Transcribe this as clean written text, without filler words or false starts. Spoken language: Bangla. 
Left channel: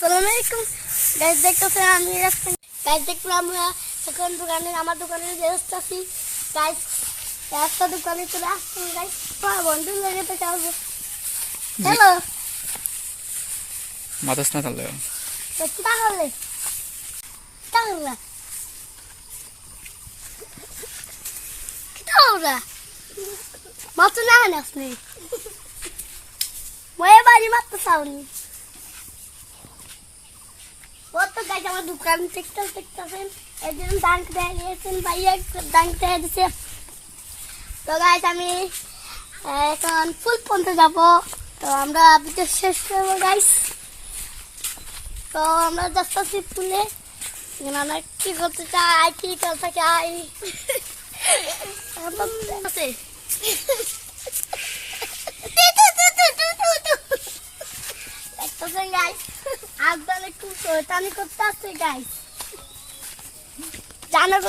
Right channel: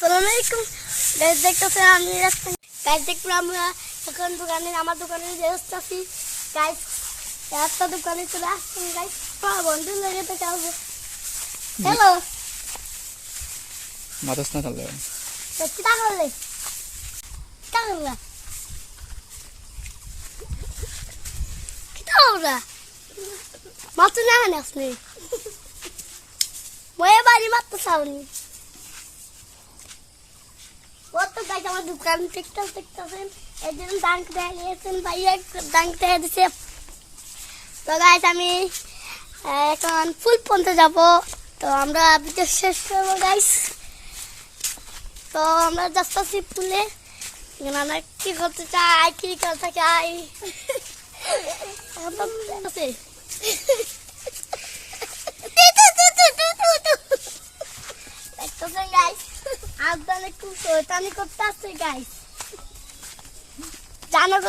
আসসালামু আলাইকুম গাইস, দেখতেছেন আমি গাইস দেখুন আমরা এখন দোকানে আমার দোকানে যাচ্ছি গাইস। একটা দোকানে চলে আসছি গাইস, বন্ধু লাগে তো যাবো। হ্যালো মাথাস না তাহলে তো কিটা করলে কিটা করলা কিটা করলা মাত্র না আসলে ময়ে বাড়ি মাত্র চাওনি তো গাইস আমার দোকান দেখতেছেন একজন দাঙ্ক দিয়েছেন ভাইয়া দাঙ্ক দিয়ে দিছে। তো গাইস আমি এখন ফুল পন্থে যাব, তো আমরা ভিডিও শেষ করবো গাইস। তো আমরা যাচ্ছি ফুলে, আমরা কি করতে চাই কি করতে চাই দেখতেছেন গাইস আজকাল একটু শয়তানি করতে আসছে গাইস, জানার